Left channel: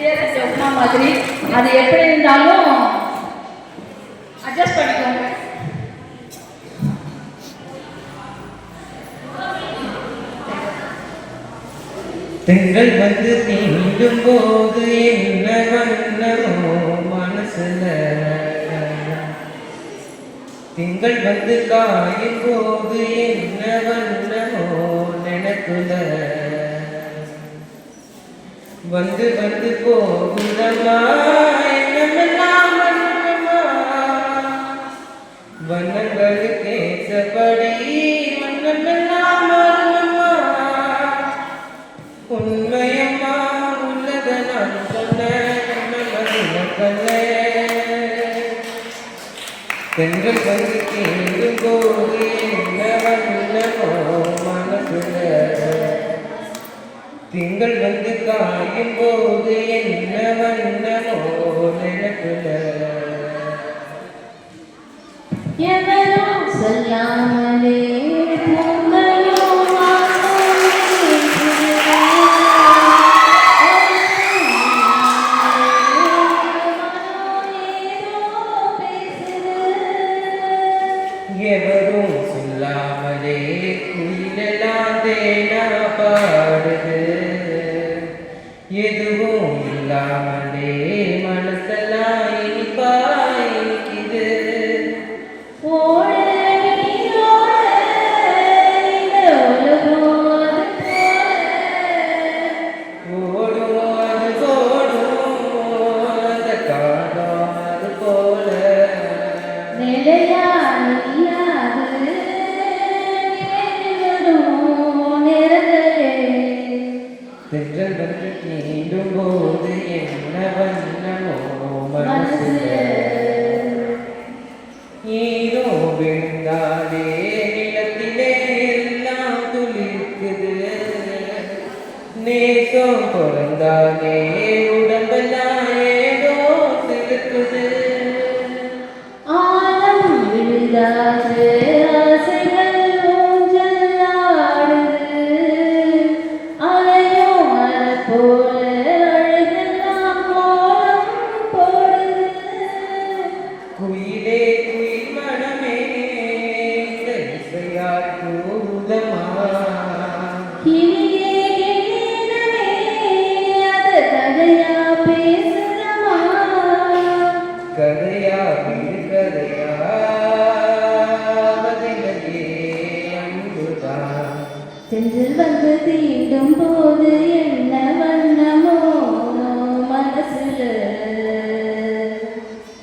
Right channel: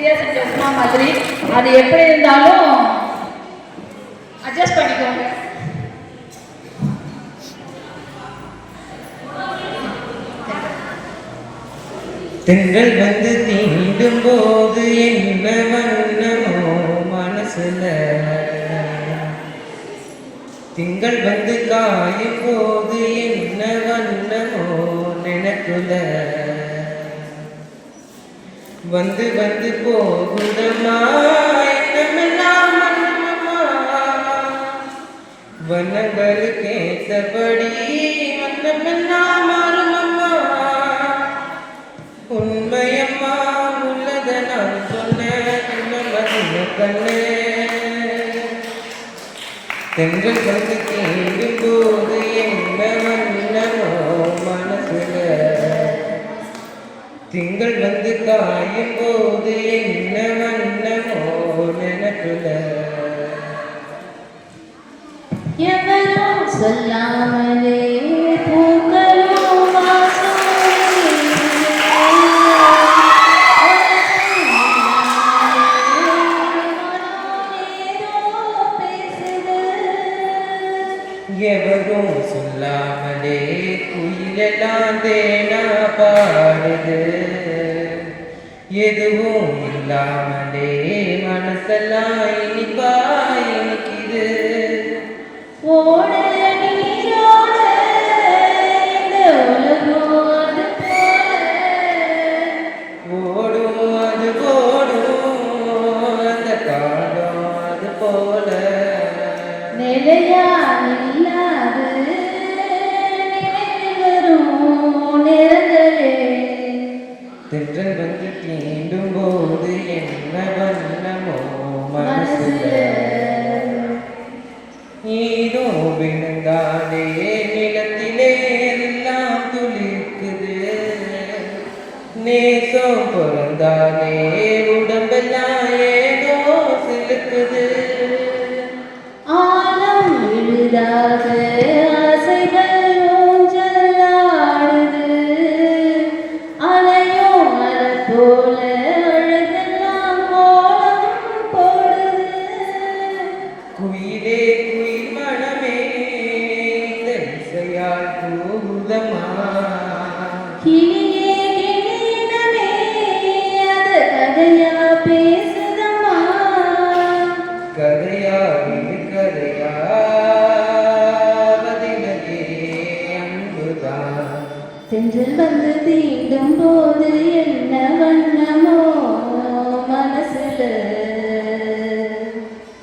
ஹெல்த்தியாக செஞ்ச உப்புமா மாதிரி. அது எப்படி இருந்தாலும் அட்ஜஸ்ட் பண்ணிக்கோங்க. தென்றல் வந்து தீண்டும் போது என்ன வண்ணமோ மனசுல, திங்கள் வந்து காயும் போது என்ன வண்ணமோ நினைப்புல, வந்து வந்து போகுதமா என்னமெல்லாம் வண்ணமா, வண்ணங்களுக்கு ஏற்றபடி வண்ணமெல்லாம் மாறுமம்மா. உண்மையம்மா உள்ளத நான் சொன்னேன் கண்ணே. தென்றல் வந்து தீண்டும் போது என்ன வண்ணமோ மனசுல, திங்கள் வந்து காயும் போது என்ன வண்ணமோ நினைப்புல. எவரும் சொல்லாமலே எவரும் சொல்லாமலே குயிலெல்லாம் தேனா பாடுது, எதுவும் இல்லாமலே மனசெல்லாம் இனிப்பா இனிக்குது. ஓடும் அது ஓடும் அந்த காடும் அது போல, தென்றல் வந்து தீண்டும் போது என்ன வண்ணமோ மனசுல, ஈரோ விழுந்தாலே நிலத்திலே எல்லாம் துளிர்க்குது, நேசம் பிறந்தாலே உடம்பெல்லாம் ஏதோ சிலுக்குது. ஆலம் விழுதாத ஆசைகள் ஊஞ்சலாடுது, அலையோ மலர் போல அழகெல்லாம் கோலம் போடுது. குயிலே குயில் மனமே இந்த இசையாய் கூறுதமா, கிளியே கிளியினமே அது கதையா பேசுதமா, கதையா இது கதையா பதிலே அன்புதான். தென்றல் வந்து தீண்டும் போது என்ன வண்ணமோ மனசுல,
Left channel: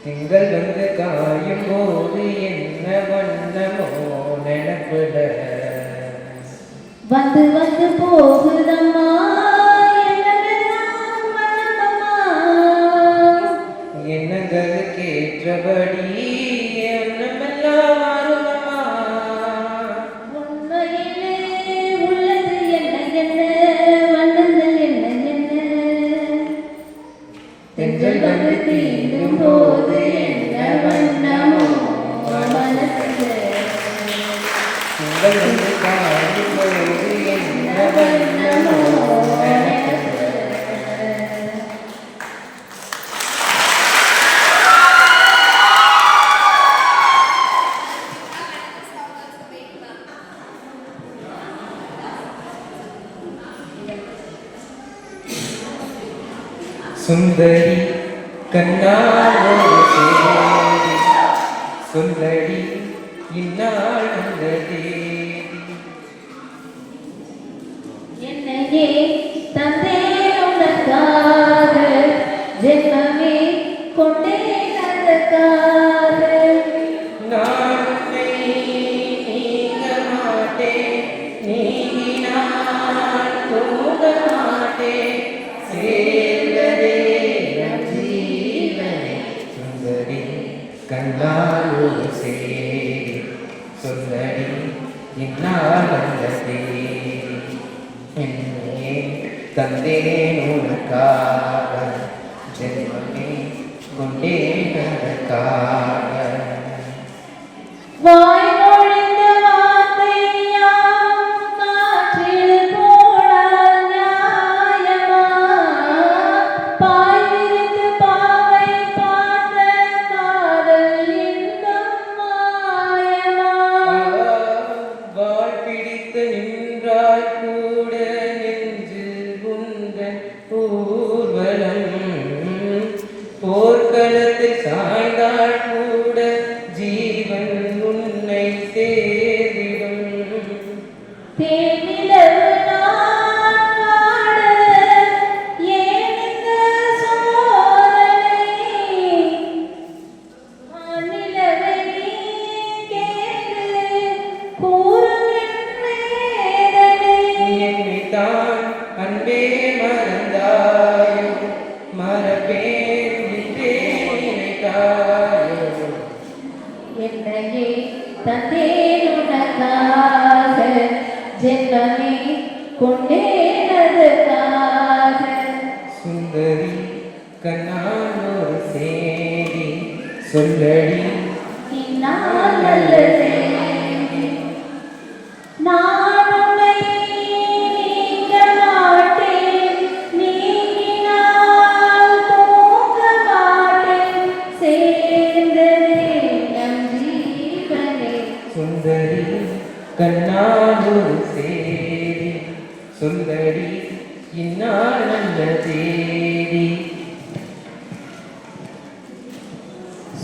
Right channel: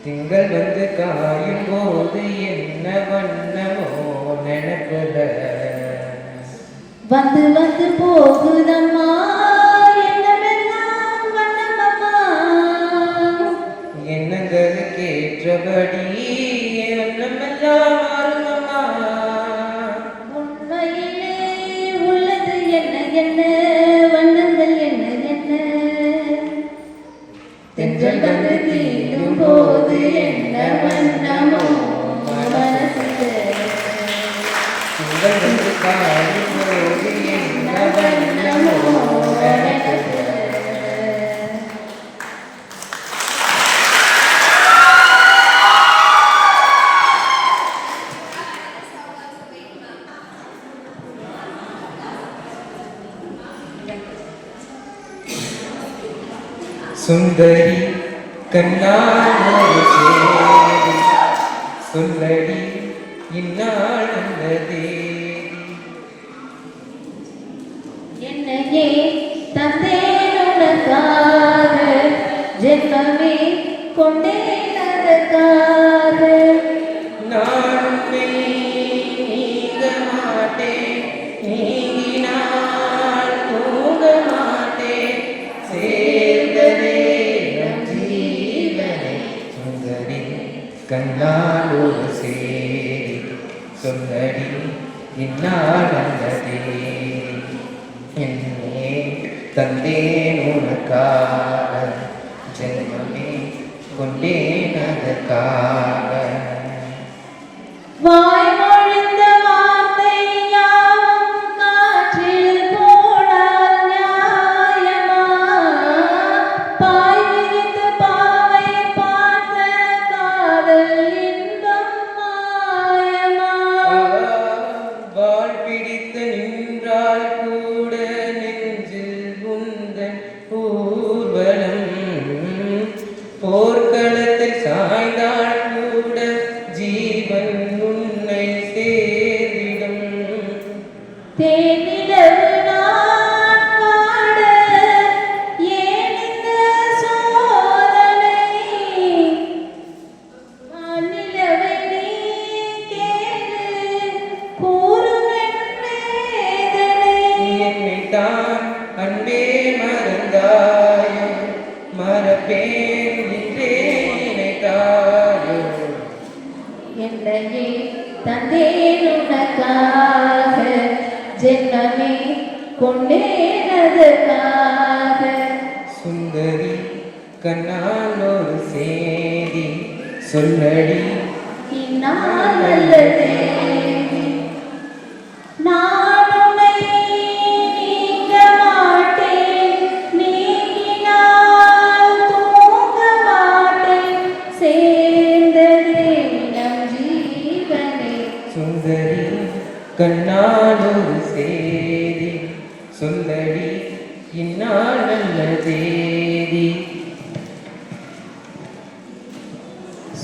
திங்கள் வந்து காயும் போது என்ன வண்ணமோ நினைப்புல, வந்து வந்து போகுதம்மா என்னவெல்லாம் வண்ணமம்மா. எண்ணங்களுக்கு ஏற்றபடி எண்ணமெல்லாம் மாறுமம்மா. உண்மையிலே உள்ளது என்ன என்ன வண்ணங்கள் என்ன என்ன, தென்றல் வந்து தீண்டும் போது என்ன வண்ணமோ மனசுல, திங்கள் வந்து காயும் போது என்ன வண்ணமோ நினைப்புல. சுந்தரி கண்ணால் சேரி சொல்லடி இந்நாள் அந்த தேதி, என்னையே தந்தையுடனாக ஜென்மமே கொண்டேனதற்காக, நான் உன்னை நீங்க மாட்டேன், நீங்கினால் போக மாட்டேன், சேர்ந்ததே நம் ஜீவனை. சுந்தரி கண்ணால் ஒரு சேரி சொல்லடி இந்நாள் அந்த தேதி, என்னே தந்தேன் உனக்காக ஜென்மமே கொண்டேன் அதற்காக. வாய் மொழிந்த வார்த்தை யாவும் காற்றில் போடால் நியாயமா, பாய் சுந்தரி கண்ணாலோடு சேரி சொல்லடி நான் நல்ல தேவி. நான் உன்னை நீங்க மாட்டேன், நீங்கினால் தூங்க மாட்டேன், சேர்ந்ததே நம் ஜீவனே. சுந்தரி கண்ணாலோடு சேரி சொல்லடி இந்நாள் நல்ல தேதி.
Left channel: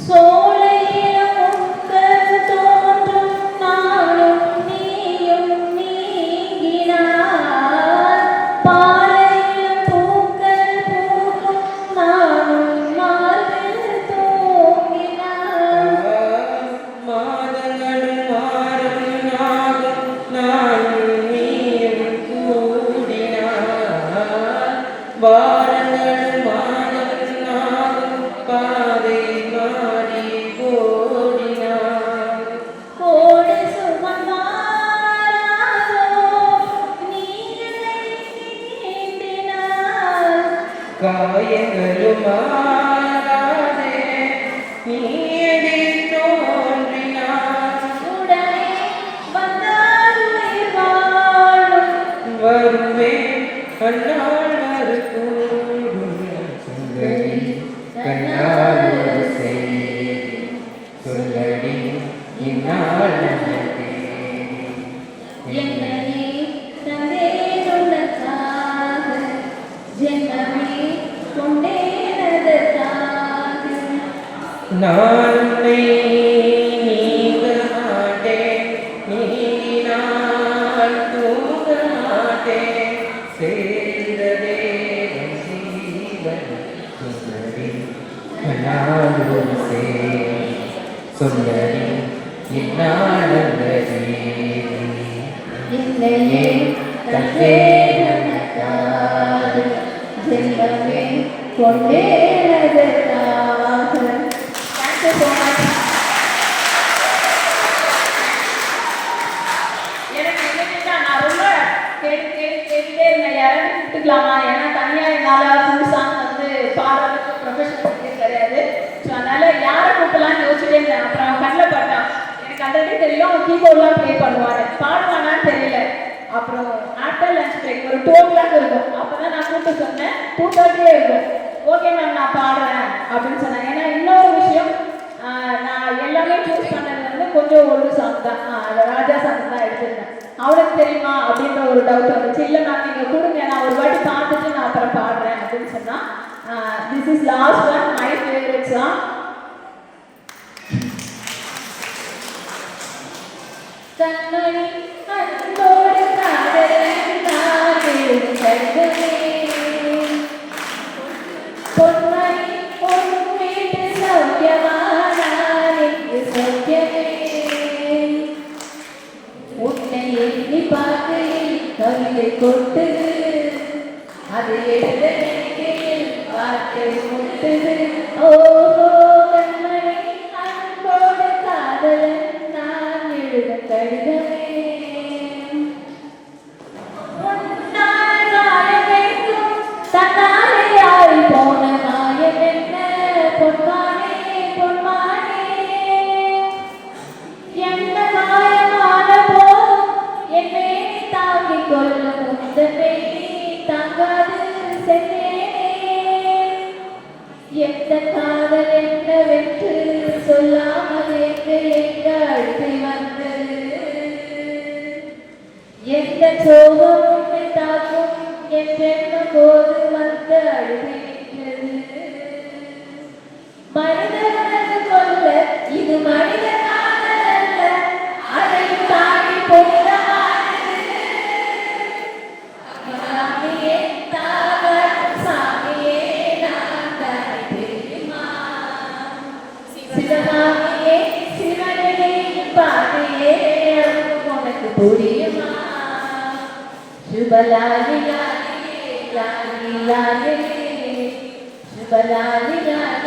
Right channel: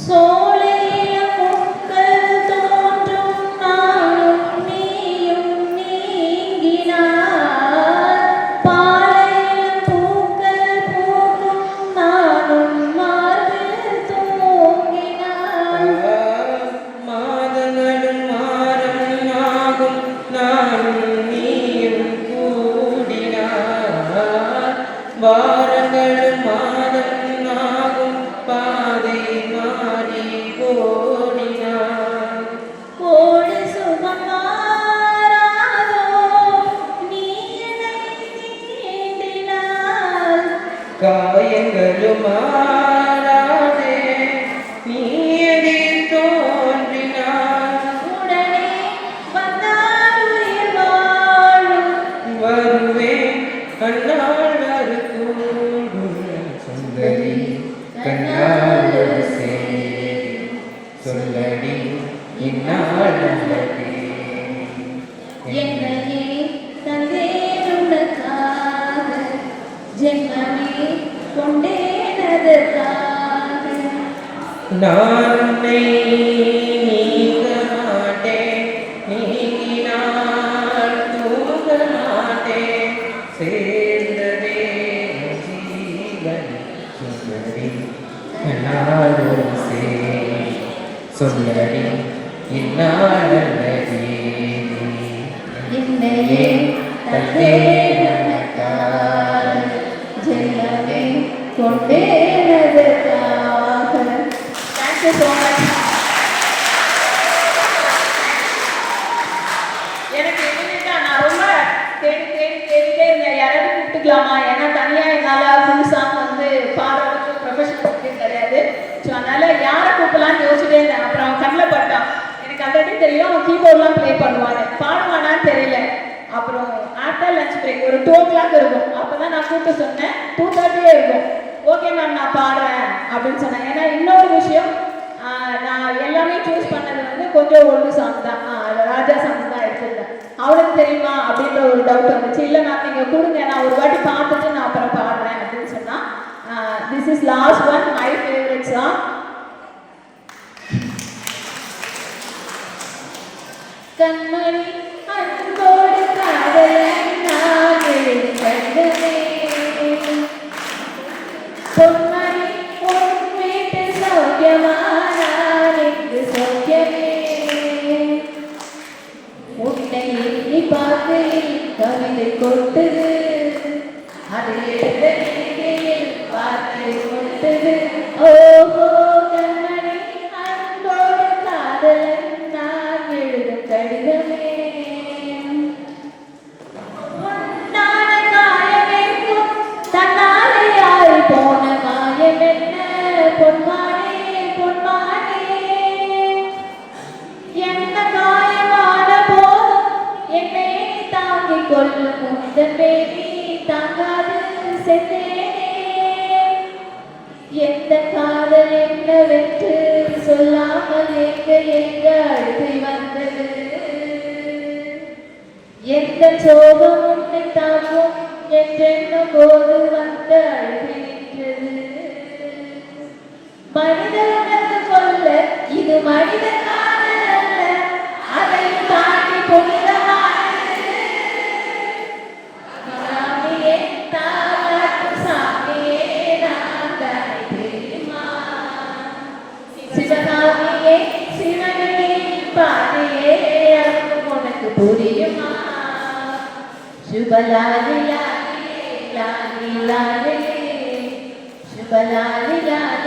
சோலைய பூக்கள் தோன்றும் நாளும் நீயும் நீங்கினார், பாலைய பூக்கள் பூக்கும் நானும் மார்பில் தூங்கினார். மாதங்களும் மாறும் ஆகும் நாளும் நீயும் கூடினார், வாரங்களும் மாதம் ஆகும் பாதை மாறி கோடினார். கோடி சுகமாராதோ நீ என்னை நீண்டினார், காயங்களும் மாறாதே நீ எதிர் தோன்றினார். உடனே வந்தால் உயிர் வாழும். வருவேன் கண்ணால் வருகூடும் சுந்தரி கண்ணால் சேரி சொல்லடி இந்நாள் நல்ல தேதி. என்னையே தந்தேன் உனக்காக, ஜென்மமே கொண்டேனதற்காக. நான் உன்னை நீங்க மாட்டேன், நீங்கினால் தூங்க மாட்டேன், சேர்ந்ததே என் ஜீவன். சுந்தரி கண்ணாலோடு சேரி சொல்லடி இந்நாள் நல்ல தேதி. என்னையே தந்தேன் உனக்காக, ஜென்மமே கொண்டேனதற்காக. Thank you so much. எனக்கு என்னன்னா நான் ரொம்ப கேட்டுட்டே இருந்தேன், யாராவது கூப்பிட்டுக்கலாமா, ஏன்னா தனியா என்னால் ஃபுல் சாங் வந்து பாடுறதுக்கு ப்ரொஃபஷனல் கிடையாது. ஸோ அதனால யாரை கூப்பிடலான்னு யோசிச்சுட்டே இருந்தேன். அப்புறம் அவன் கண்ணில் பட்டான். எனக்கு ஆல்ரெடி தெரியும் அவன் கீபோர்ட்லாம் ப்ளே பண்ணுவார், பாடுவானான்னு தெரியல. அப்புறம் ஆஃப்டர் லஞ்ச் பிரேக் ஒரு 2 o'clock இருக்கும். அப்போ தான் நான் கூப்பிட்டு சொன்னேன், 2:30 இருக்கும். ஓகே மேம் நான் பாடுறேன் அப்படின்னு சொன்னேன். ஏன்னா இன்னொரு விஷயம், நான் எல்லாமே சூஸ் பண்ணது வந்து கொஞ்சம் ஓல்டு சாங் தான், ராஜா சாங் தான் எடுத்திருந்தேன். அவனுக்கு தெரியுமா அப்படின்ற ஒரு டவுட் வந்துச்சு. இல்லை மேம் நீங்கள் கொடுங்க, நான் ஒரு வாட்டி பார்த்துட்டு நான் அப்புறம் பாடுறேன் அப்படின்னு சொன்னால், this is last one, my favourite song. கண்மணி அன்போடு காதலன் நானே கண்டனே, பொன்மணி உன் வீட்டு சௌக்கியமா நான் இங்கு சௌக்கியமே. உன்னை எண்ணி பார்க்கையில் கவிதை கொட்டுது, அது எழுத நினைக்கையில் வார்த்தை கொட்டுது. ஓஹோ கண்மணி அன்போடு காதலன் நான் எழுதும் கடிதமே. உன்னான காயமெங்கும் தன்னாலே ஆறி போன மாயமென்ன, பொன்மானே பொன்மானே. என்ன காயமான போதும் என் மேனி தாங்கிக் கொள்ளும், உந்தன் மேனி தாங்காது சென்றேனே. எந்த காதல் என்னவென்று சொல்லாமல் எங்க அழுதி வந்தது, எந்த சோகம் உன்னை தாக்கும் என்றென்னும் போது வந்த அழுதி நின்றது. மனிதனுக்கு கொல்ல இது மனித காதல் அல்ல, அதை தாண்டி பொன்னமானது. சாமியே தாலாட்டும் சாமியே நான் தானே தெரியுமா, சிவகாமியே சிவனே பாதையே அன்பு உனக்கு புரியுமா. சுபலாலி லாலி லாலி லாலி, சுபலாலி லாலி